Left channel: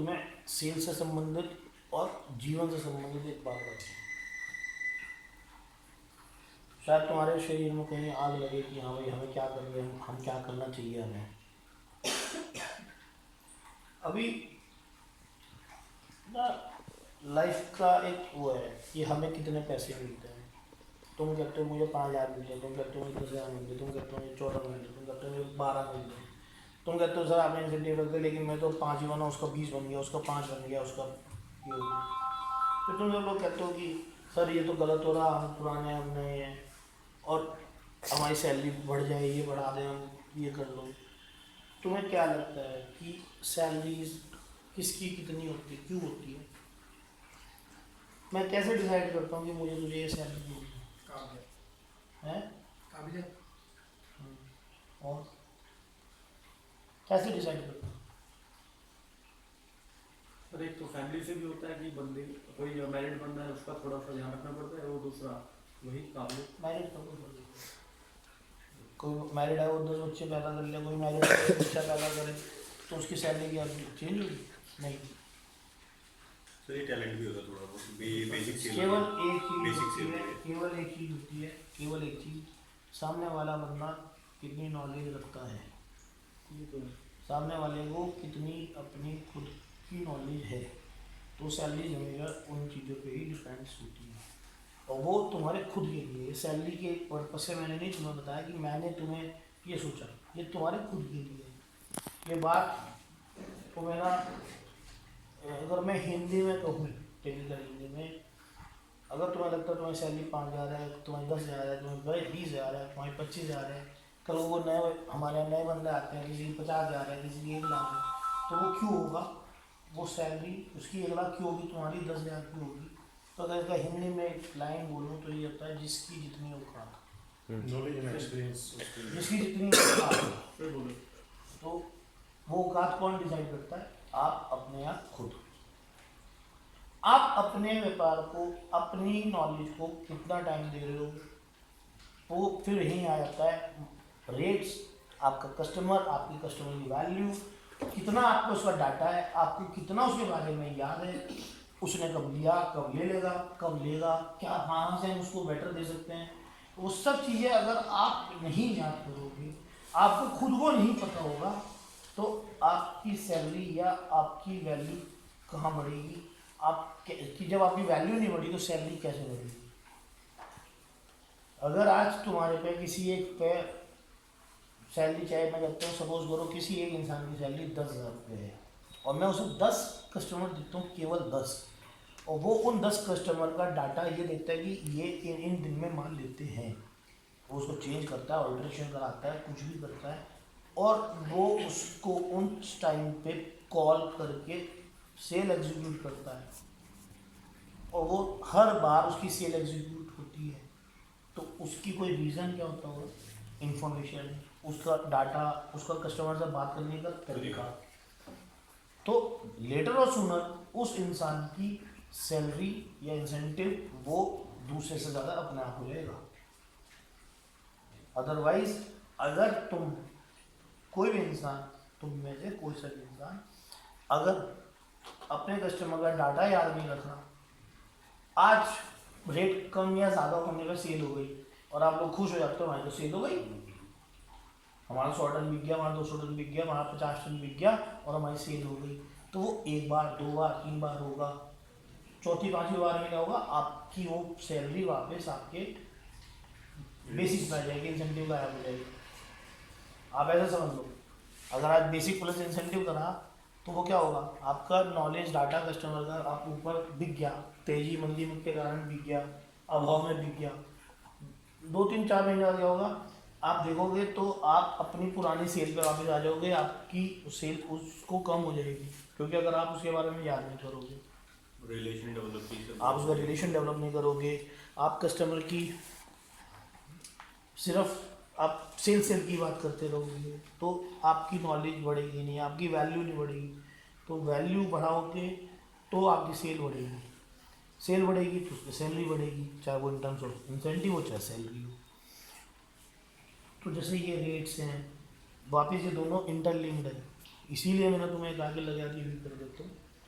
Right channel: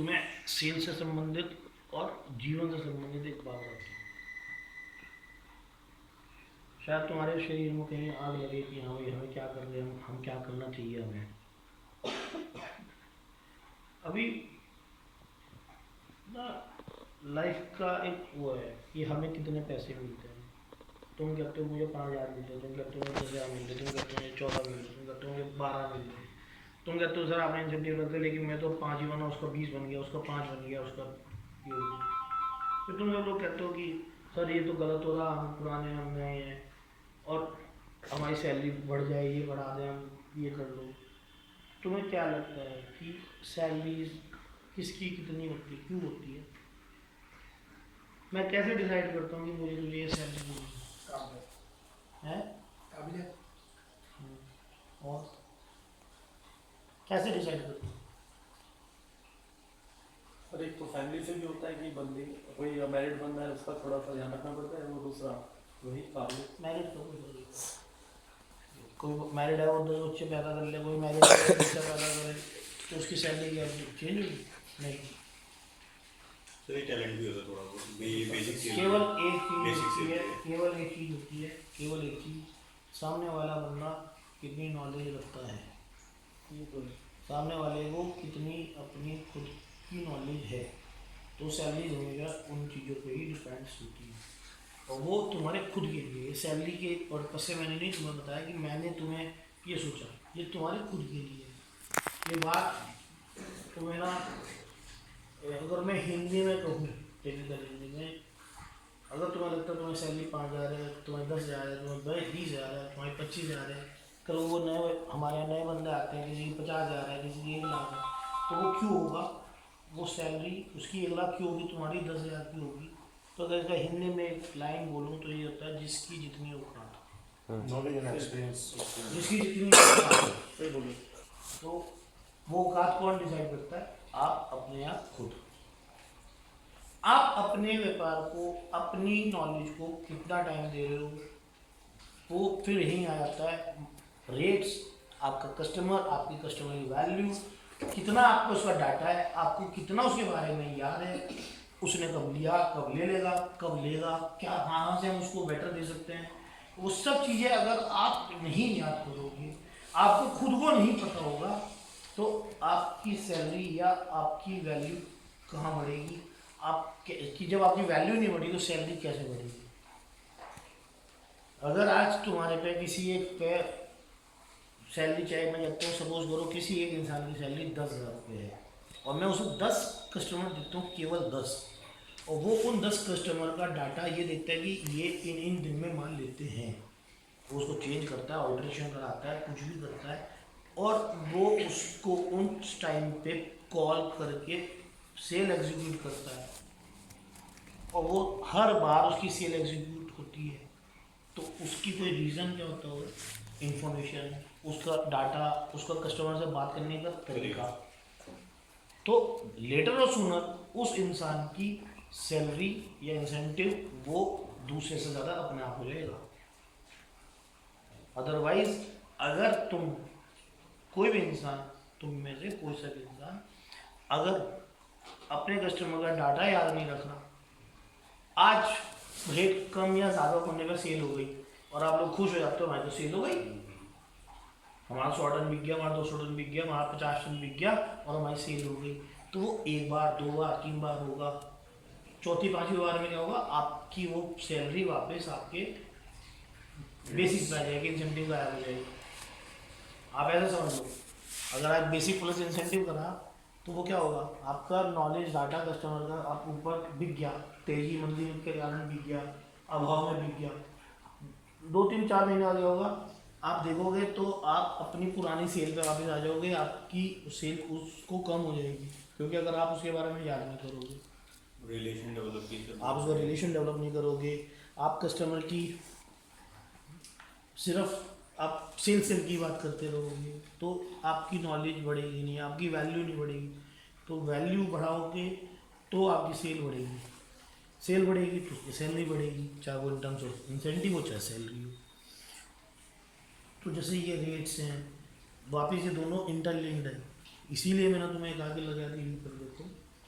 तुम्हें सेल से संबंधित और जीवन से संबंधित एक बात बताती हूँ। शायद तुम्हारे शरीर में कहीं आग लगे कि हाँ भाई हमें क्या कर रहे हैं, हम क्या करना चाहिए हमें। अभी ना लाइफ का एक वो है कि हमें कितने पैसे मिलते हैं। तुम कहते हो मुझे 5,000 मिलते हैं, तुम कहते हो मुझे 10,000 मिलते, तुम कहते हो मुझे 14 मिलते, तुम कहते हो मुझे 12 मिलते, तुम कहते हो सर आपने इंसेंटिव रख दिया लेकिन मैं तो 5 ही बना, उसका 20 बन गया, उसका 5 बन गया, उसका ये हो गया। फिर तुम सब लोग कहते हो कि सर ये तो गलत हो रहा, हम पुराने हम नए हैं और हमारी सैलरी बढ़ जाए, ये बढ़ा दें, हम ये कर लो। तुम्हें क्या लगता है कि सैलरीज किसकी कितनी होती है, क्यों होती है? मैं कैसे डिसाइड करता हूँ कि मुझे तुझे ये सैलरी देनी है? काबिलियत। और कैसे डिसाइड करता हूँ? और एक तो फैमिली से भी होता है कि बंदे कोई मैरिड बंदा है उसका थोड़ा सा ध्यान रखना पड़ता है, वो दूसरा वही काबिलियत। मैरिड कोई मैरिड है वो 10 बच्चे पैदा कर ले, कोई मैरिड बच्चा पैदा करे तो उसकी सैलरी क्या चेंज होगी? नहीं। सर ये टैलेंट भी होता है थोड़ा बहुत, बेसिक चीज़ केवल एक चीज़ बेसिक होती है, चीज़ केवल एक चीज़ होती है, केवल एक चीज़, सामने वाला बंदा कितनी नॉलेज रखता है, ये तो है। सामने वाले को कितनी अपनी खुद की नॉलेज है, तो सैलरी हमेशा उन चीज़ों पे ही डिपेंड्स होती है। और वो तुम्हारे खुद के लिए, ये सैलरी के पर्पज से मैंने नहीं तुम्हें बताया कि मैंने तुम्हें ये सोचा, ये तुम्हारे खुद के लिए है। ये बात तुम्हें ना, अगर मैं हिंदी में कहूँ, टेक्निकल हिंदी में, अगर तुम्हें लगता है तुम्हें सैलरी 5,000 है, तुम्हें 10,000 है, तुम्हें 20,000 है, तुम्हें 25,000 है, कल वो नए हमारे यहाँ नए बंदे आते हैं, किसी की 50,000 है, किसी की 1,00,000 है, तो वो क्यों होगा? वो सैलरी उसकी 1,00,000 क्यों होगी, तुम्हारी 10,000 की होगी? तो अगर इसका हिंदी में एक लाइन बोलूँ तो ये होता है जिसकी जितनी औकात, नॉलेज एंड एक्सपीरियंस। जिसकी जितनी औकात, फिर बोलो। तो वो औकात कौन डिसाइड करता है? आप अपने आप खुद। आप अपने व्यापार को, अपनी नॉलेज को कितना टाइम दे रहे हो, वो फिर यहीं आ जाता है रेट्स, आपका कस्टमर, आपकी कस्टमर की वैल्यू, कितना आपको उसका डाटा है, आपको कितना उसके बारे में याद है, उसने कब लिया, कब ले लेगा, कब लेगा, क्या कहाँ से हम उसको बेटर दे सकते हैं। वो सब चीज़ें अगर आप नहीं याद करोगे, आपको खुद को नहीं पता होगा, तो आपकी सैलरी या आपकी वैल्यू कहाँ बढ़ेगी? आप कि जब आपकी वैल्यू नहीं बढ़ी तो सैलरी कैसे बढ़ेगी? अगर आज तुम्हारे पे किसी एक पे सैलरी, चाहे मैं कहता हूँ सपोज करो किसी एक इंसान की सैलरी 10,000 रुपये है और मैं उसे 10 कस्टमर देता हूँ, केवल 10, और वो उन 10 कस्टमर का डाटा ये देखता है कि ये इन दिन में माल लेते हैं, वो उसको चेंज करता है, ऑल्ट्रेशन कराता है, कुछ भी करता है, और वो उसको उस टाइम पे कॉल करके सेल एग्जीक्यूट करता है, और वो हर बार उसकी सेल एग्जीक्यूट होती है, तो उसकी कोई रीज़न क्या होता होगा? इंफॉर्मेशन, उसका डाटा, उसका कस्टमर से बात करने का तरीका। तो लेटर और सूनर उस इंसान की सैलरी या इंसेंटिव वो दूसरे से ज़्यादा अपने आप को लेगा। अदरवाइज अगर तुम कोई भी इंसान, तुम में से कोई सा भी इंसान अगर अपने कस्टमर का डाटा याद नहीं रख रहा, आज रेट कम या ज़्यादा होने पर सेल हो गई और आप लोग खुश हो जाते हो, हमारी तो सेल हो गई, हमारा 100 टन बिक गया, हमारा 200 टन बिक गया, हमारा 50 टन बिक गया और हमारी सेल हो गई, तो वो एक बार, 2 बार, 3 बार होगा, चौथी 5वीं बार में क्या होगा? आपकी वो सैलरी वापस आपके बेसिक में आ जाएगी, इंसेंटिव गायब हो जाएगी। आप ऐसा समझ लो, अगर आज बेसिक प्लस इंसेंटिव करा तो वो क्या होगा? आपका नॉलेज डाटा कस्टमर का आप ऊपर बिक गया, तेजी मंदी के कारण बिक गया, अभाव में बिक गया, 2-3-4 महीने बाद क्या होगा? आप देखोगे तो आप अपनी पुरानी सेल पे वापस आ जाओगे, आपकी सेल उसको कम हो जाएगी, क्योंकि अगर आप उसके बारे में याद नहीं करोगे, रिलेशन डेवलप नहीं करते, आप उसका रिलेशन डेवलप नहीं करोगे, आप कस्टमर की सिर्फ आप सेल की बात करते रहोगे, तो आपकी नॉलेज बढ़ेगी नहीं, आपकी वैल्यू नहीं बढ़ेगी। तो वैल्यू बढ़ाओगे तो आपकी सेल बढ़ेगी, सेल बढ़ेगी तो उसकी सैलरी बढ़ेगी, चाहे वो इन टर्म्स ऑफ इंसेंटिव हो चाहे सैलरी हो। तो जैसे ये रेट्स हैं, वापस ये दोनों इंटरलिंक्ड है, इसीलिए मैंने तुम्हें एक आगे लगा दी कर देता हूँ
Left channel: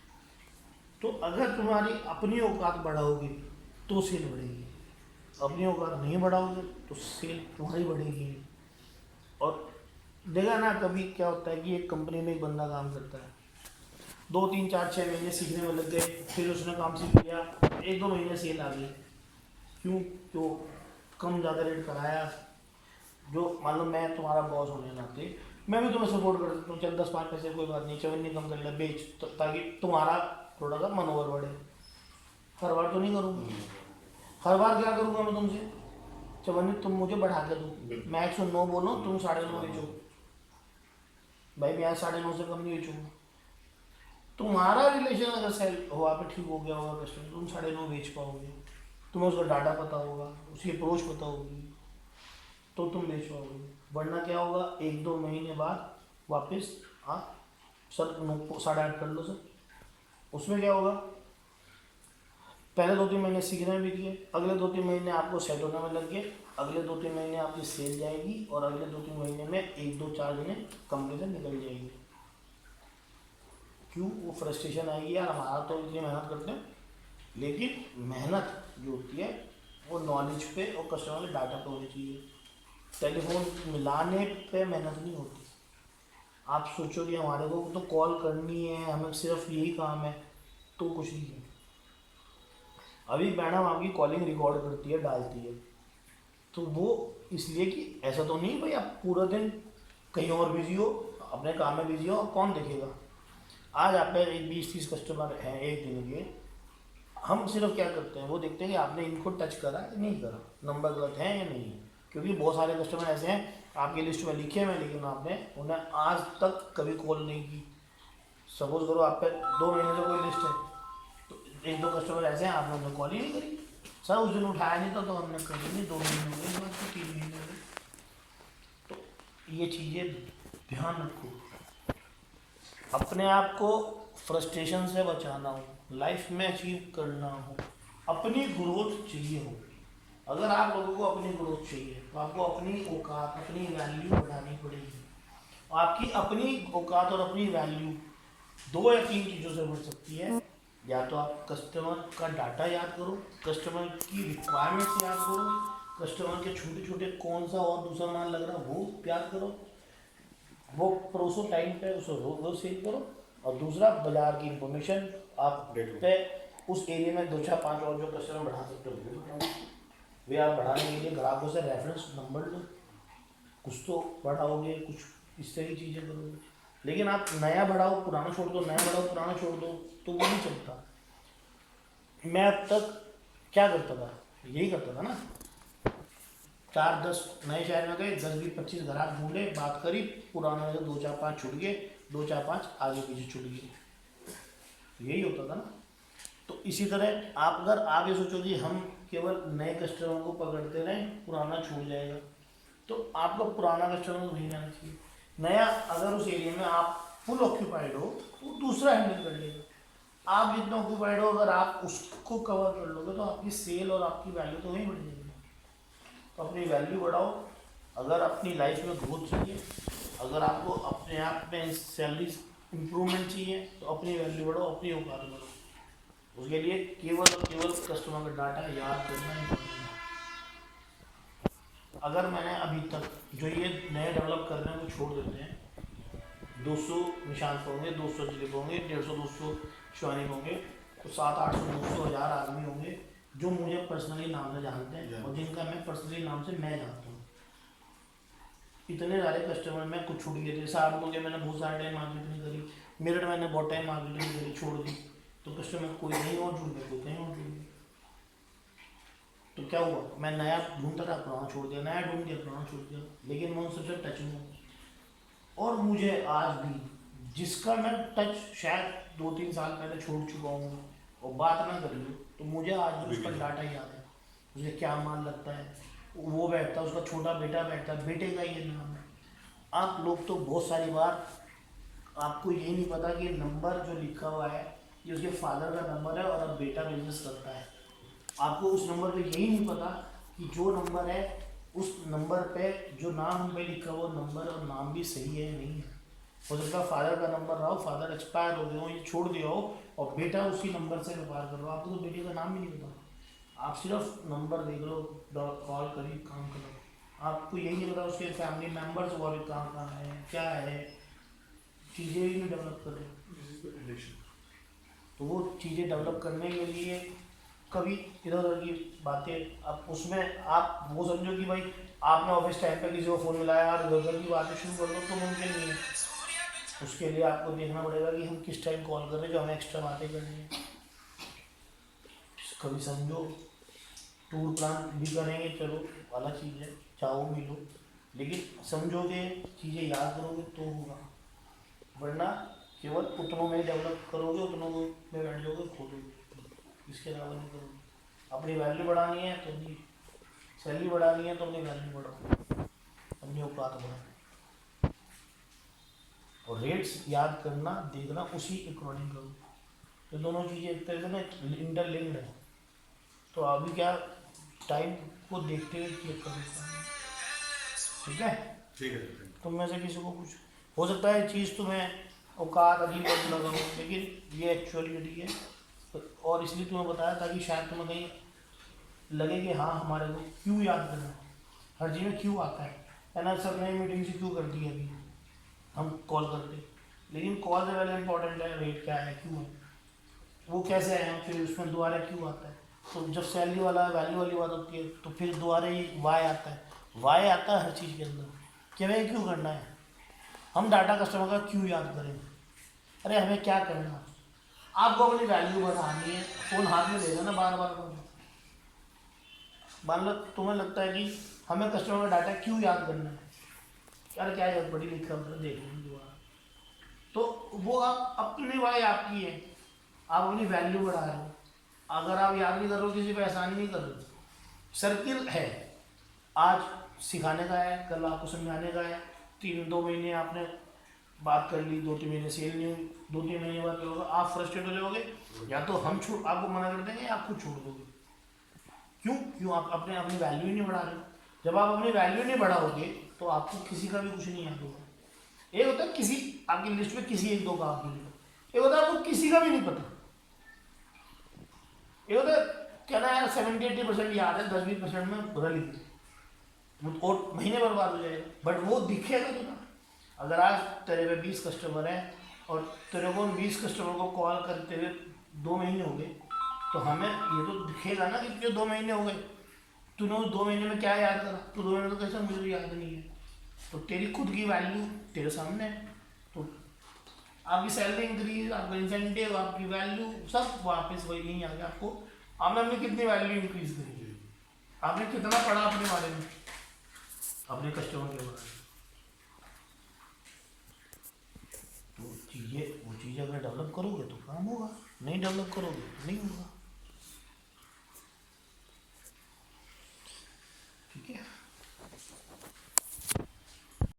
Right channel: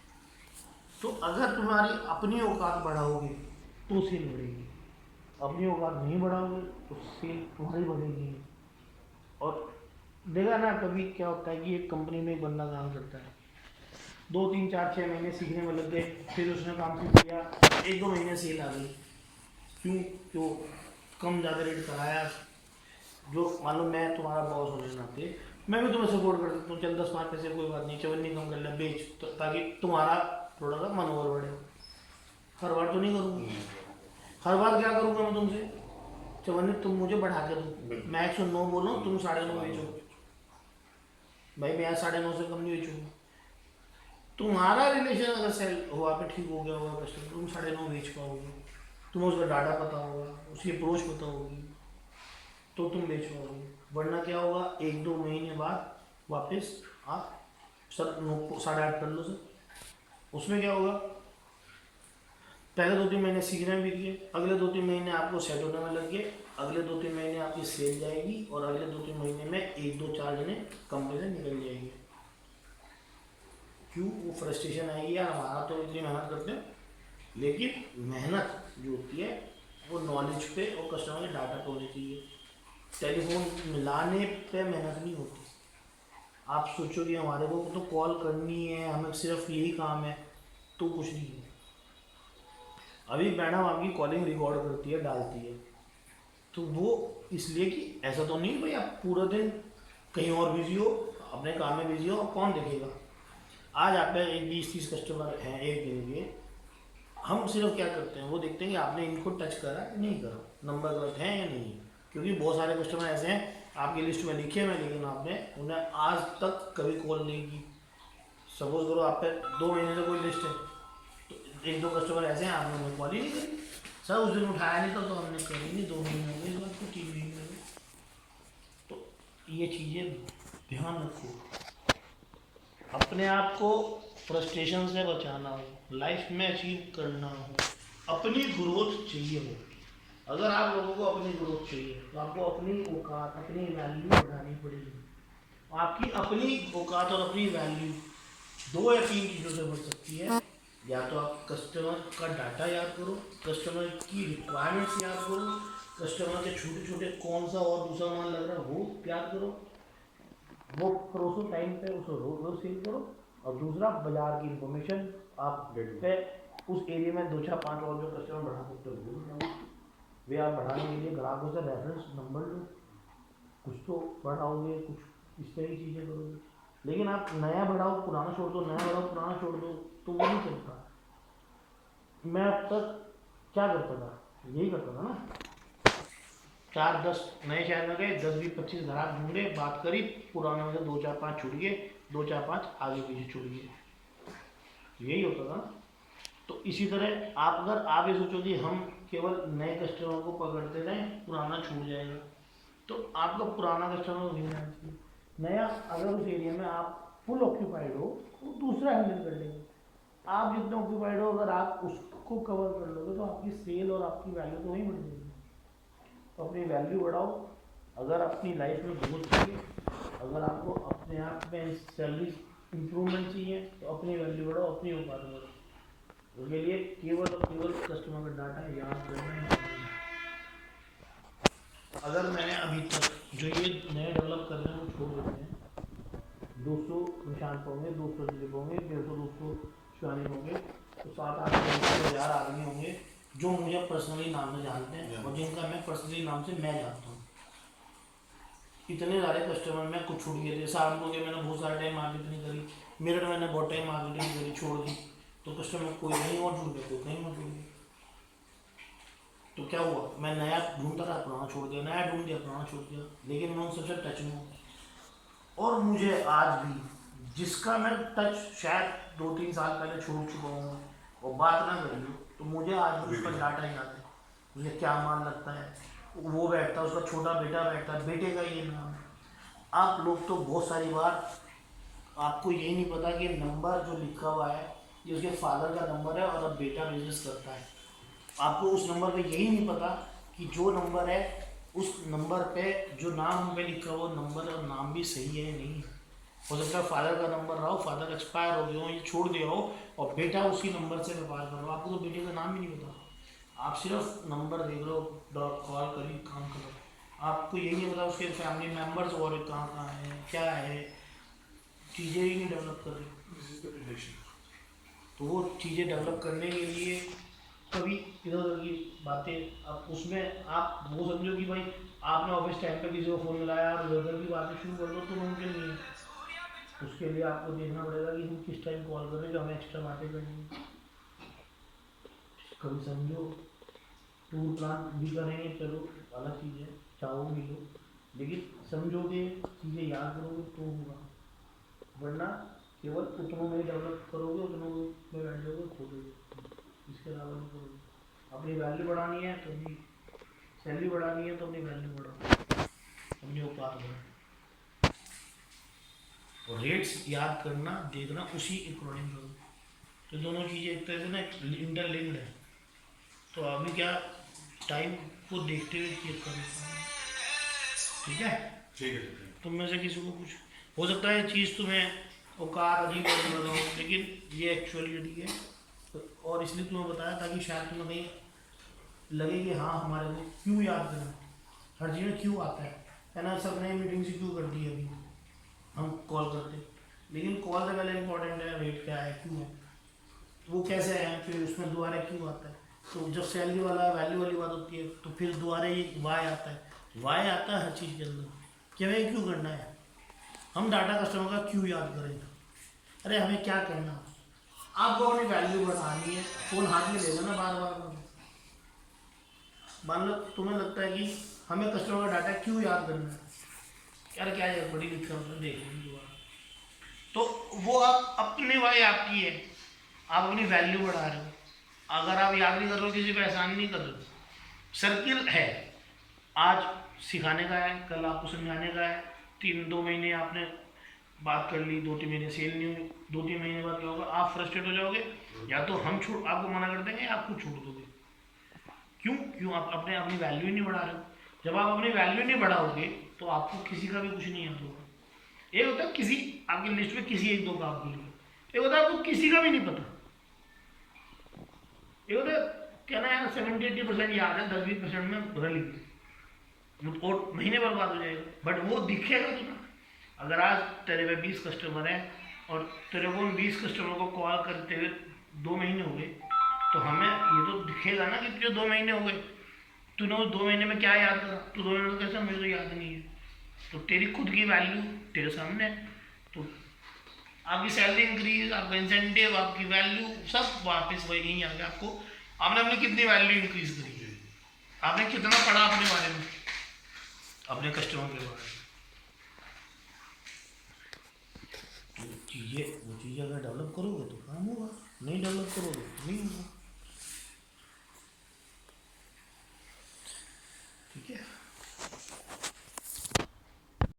तो अगर तुम्हारी अपनी औकात बढ़ाओगे तो सेल बढ़ेगी, अपनी औकात नहीं बढ़ाओगे तो सेल तुम्हारी बढ़ेगी नहीं। और देखा ना कभी क्या होता है कि एक कंपनी में एक बंदा काम करता है, 2 3 4 6 महीने सीखने में लग गए, फिर उसने काम सीख लिया, 1 2 महीने सेल आ गई। क्यों कम ज़्यादा रेट कराया। जो मान लो मैं तुम्हारा बॉस होने नाते मैं भी तुम्हें सपोर्ट कर सकता हूँ, चल 10 5 पैसे कोई बात नहीं, चवन्नी कम कर ले बेच, तो ताकि तुम्हारा थोड़ा सा मनोबल बढ़े। हर बार तो नहीं करूँगा, हर बार क्या करूँगा मैं तुमसे, चवन्नी तुम मुझे बढ़ा के दो, मैं 109 बोलो तुम 9.5 बेचो, भाई मैं 9.5 से कम नहीं बेचूंगा। तुम्हारा रिलेशन अगर सेल हुआ पे ठीक हो गया होगा कस्टमर, तुम 9.5 बेच पाओगे, तुम्हें उसका डाटा पता होगा, उसकी अप्रोच पता होगी, तो तुम बेच पाओगे। वरना क्या होगा, 1 2 महीने बाद वापस आप सर 9.5 कर लो सर, उसमें क्या होगा, पहले 2 3 महीने सीखने में बीत गए, अगले 2 3 महीने आपको सेट होने में लग गए, अगले 2 3 महीने आपकी सेल जाएगी, और अगले 2 3 महीने में 1 2 4 जने कंपनी से निकल जाएंगे। क्यों, वो फ्रस्ट्रेशन आएगी यार, हमारा तो इतनी मेहनत करते हैं, लेकिन मेहनत जो होती है वो नॉलेज पे और कस्टमर के डाटा पे होनी चाहिए। टेलीफोन मिलाने पे मेहनत नहीं होती। आप सोचो कि हमारे को तो कॉल करनी है, हमें सिर्फ यही काम है, तो कुछ नहीं है। अभी मैडम आपकी कॉलिंग रिकॉर्ड करती है, डालती है, तो वो इसलिए कि ऐसा तो नहीं भाई आप पूरा दिन कहीं और बिजी हो, अपने काम में बिजी हो, कौन देखेगा। आज आप पे 20 30 कस्टमर हैं एक दिन के, हम सिर्फ क्या करते हैं, वो देखते हैं कि आपने इनको टच करा कि नहीं करा, नंबर गलत है या नहीं है। क्योंकि बहुत सारे कस्टमर ऐसे हैं आपकी लिस्ट में लिखे हुए, लेकिन आपने उन्हें आज तक कभी कॉल नहीं की। सपोज करो आप पे 2 महीने से कोई लिस्ट है, तो 1 2 कस्टमर ऐसे हैं आपने उन्हें कॉल ही नहीं करी, सर उस दिन उठाया नहीं था तो हमने करी नहीं, 2 महीने हो गए, बस तो 3 महीने हो गए। तो ये चीज़ें ध्यान रखो, अपने आप को फ्रस्ट्रेशन से बचाना हो, लाइफ में अचीव करना हो, अपनी ग्रोथ चाहिए हो। अगर आप लोगों को अपनी ग्रोथ चाहिए तो आपको अपनी औकात, अपनी वैल्यू बढ़ानी पड़ेगी। आपकी अपनी औकात और अपनी वैल्यू 2 या 3 चीज़ों से बढ़ सकती है। या तो आप कस्टमर का डाटा याद करो, कस्टमर की रिक्वायरमेंट्स याद करो, कस्टमर के छोटे छोटे कौन सा और दूसरा माल लग रहा है वो याद करो, वो परोसो टाइम पे उसे रोज सेल करो। और दूसरा, बाजार की इंफॉर्मेशन आप पे उस एरिया में 2 4 5 और जो कस्टमर बढ़ा सकते हो वो बढ़ाओ। वे आप बढ़ाने के लिए ग्राहकों से रेफरेंस नंबर लो, कुछ तो बढ़ाओगे, कुछ इस तरह की चीज़ें करोगे। लेकिन आप नया बढ़ाओ पुराना छोड़ दो, नया बढ़ाओ पुराना छोड़ दो, तो वो नहीं चलता। मैं अब तक क्या करता था, यही करता था ना, 4 10 नए शहर में गए, 10 20 25 ग्राहक ढूंढे, बात करी, पुराने में से 2 4 5 छूट गए, 2 4 5 आगे पीछे छूट गए, यही होता था ना। तो इसी तरह आप अगर आगे सोचो कि हम केवल नए कस्टमर को पकड़ते रहें, पुराना छूट जाएगा, तो आपका पुराना कस्टमर नहीं आना चाहिए। नया अगर उस एरिया में आप फुल ऑक्यूपाइड हो, वो दूसरा हैंडल कर लेगा। आप जितना ऑक्यूपाइड हो, अगर आप उसको कवर कर लोगे तो आपकी सेल और आपकी वैल्यू तो वही बढ़ जाएगी। तो अपनी वैल्यू बढ़ाओ। अगर अपनी लाइफ में ग्रोथ चाहिए, अगर आपको अपने आप में सैलरी इम्प्रूवमेंट चाहिए, तो अपनी वैल्यू बढ़ाओ, अपनी औकात बढ़ाओ। उसके लिए केवल और केवल कस्टमर का डाटा याद करना इम्पोर्टेंट है। अगर मैंने अभी तक जो ये नए डेवलप कर रहे हैं वो छोड़ देते हैं, 200 निशांत होंगे, 200 दिलीप होंगे, 150 200 शिवानी होंगे, तो 7 8 1000 आदमी होंगे जो मुझे पर्सनली नाम से जानते हैं और जिनका मैं पर्सनली नाम से मैं जानता हूँ। इतने सारे कस्टमर मैं कुछ छूट गए थे, शाम को मैंने बहुत सारे टाइम मार्केटिंग करी, मेरठ मैंने बहुत टाइम मार्केटिंग करी, छोड़ दी, तो कस्टमर कोई नहीं और ढूंढ गया, कोई नहीं और ढूंढ गया। तो क्या हुआ, मैं नया ढूंढता था, पुराना छोड़ दिया, नया ढूंढ दिया, पुराना छोड़ दिया, लेकिन मैं उन सबसे टच में हूँ। और मुझे आज भी जिसका मैं टच शायद 2 3 साल पहले छोड़ चुका हूँ और बात ना करी हूँ, तो मुझे आज भी उसका डाटा याद है, मुझे क्या माल लगता है, वो बैठता है, उसका छोटा बेटा बैठता है, बेटे का ये नाम है। आप लोग तो बहुत सारी बार आपको यही नहीं पता कि नंबर जो लिखा हुआ है ये उसके फादर का नंबर है और अब बेटा बिजनेस करता है। आपको उस नंबर पे यही नहीं पता कि जो नंबर है उस नंबर पे जो नाम पे लिखा हुआ नंबर और नाम भी सही है या नहीं है। हो सकता है फादर का नंबर रहा हो, फादर एक्सपायर हो गए हो, ये छोड़ दिया हो और बेटा उसी नंबर से व्यापार कर रहा हो, आपको तो बेटे का नाम ही नहीं पता, आप सिर्फ नंबर देख रहे हो, कॉल करी काम कर रहे हो, आपको यही नहीं पता उसके फैमिली मेम्बर्स और कहाँ कहाँ हैं, क्या है, चीज़ें ही नहीं डेवलप कर रही। This is the relation. तो वो चीज़ें डेवलप करने के लिए कभी इधर उधर की बातें आप उसमें आप वो समझो कि भाई आपने ऑफिस टाइम पे किसी को फ़ोन मिलाया और इधर उधर की बातें शुरू कर दो तो मुमकिन नहीं है। उसके लिए आपको देखना पड़ेगा कि हम किस टाइम कॉल कर रहे हैं जो हमें एक्स्ट्रा बातें करनी है। कभी समझो टूर प्लान भी करेंगे, चलो अलग चीज़ है, चाहो मिलो, लेकिन समझोगे चीज़ें याद करोगे तो होगा, वरना केवल उतनों में डेवलप करोगे, उतनों में बैठ जाओगे, खो दोगे, इसके अलावा नहीं करोगे। अपनी वैल्यू बढ़ानी है तो अपनी सैलरी बढ़ानी है तो अपनी वैल्यू बढ़ाओ, अपनी औकात बढ़ाओ, और रेट्स याद करना देखना उसी अकॉर्डिंग करो। तो दोनों चीज़ें एक तरह से ना इंटरलिंक्ड है। तो अभी क्या टाइम को देखते हुए चेक कर लेता हूँ, ठीक है। ठीक है। तुम में से किसी को कुछ हो सकता है चीज़ तुम्हें औकात अजीब लगा हो, लेकिन ये एक्चुअलिटी है, और इसलिए तुम्हें बताया ताकि शायद तुम्हें कहीं लगे कि हाँ हमारे को क्यों याद करना, हर चीज़ में क्यों आता है ना, सर ने मीटिंग से क्यों कर दी अभी हम कॉल करते, लेकिन कॉल से पहले इंपॉर्टेंट है रेट क्या है, क्यों है, वो कैसे है, फिर उसमें दोबारा क्यों आता है। तो जब सैलरी वाला वैल्यू वाली बात होती है तो फिर दोबारा ही वाई आता है, वाई आता है हर चीज़ के अंदर कि हमें क्यों करना है, हम डाटा कस्टमर का क्यों याद करें, अरे हमें क्या करना, आपको अपनी वैल्यू बढ़ानी है, फ़ोन हाथ में लेगा ना बार बार बार, मान लो तुम्हें लगता है कि हमें कस्टमर का डाटा क्यों याद करना है, यार क्या यार बड़ी लिखा हमने देख लेंगे दोबारा, तो वो आप अपनी वाई आपकी है, आप अपनी वैल्यू बढ़ा रहे हो। अगर आप याद नहीं कर रहे हो, किसी पे एहसान नहीं कर रहे हो, सर्किल है, आज सिखाने का है, कल आपको समझाने का है, 2 महीने आपने बात कर ली, 2-3 महीने सेल नहीं हुई, 2-3 महीने बाद क्या होगा, आप फ्रस्ट्रेट हो जाओगे, या तो हम छोड़ आपको मना कर देंगे या आप खुद छोड़ दोगे। क्यों आप अपनी वैल्यू ही नहीं बढ़ा रहे हो। जब आप अपनी वैल्यू नहीं बढ़ाओगे तो आपको किसी का भी कुछ नहीं याद होगा। एक होता है किसी आपकी लिस्ट में किसी 1-2 का आप भूल गए, एक होता है आपको किसी का भी नहीं पता, एक होता है कहना यार 70-80% याद है, 10-20% में भूल गई, और महीने बर्बाद हो जाएगा, बट वो दिखेगा तो ना। अगर आज तेरे पे 20 कस्टमर हैं और तेरे को 20 कस्टमर को कॉल करते हुए 2 महीने हो गए, तो हमें ये तो दिखेगा ना कि तुझे 2 महीने हो गए, तूने उस 2 महीने में क्या याद करा, तो 2 महीने में कैसे मुझे तो याद नहीं है, तो तेरी खुद की वैल्यू तेरे सामने है। तो आपकी सैलरी इंक्रीज, आपका इंसेंटिव, आपकी वैल्यू सब वापस वही यहीं आ गया। आपको आपने अपनी कितनी वैल्यू इंक्रीज करी है, आपने कितना पढ़ा अपने बारे में, अपने कस्टमर के बारे में,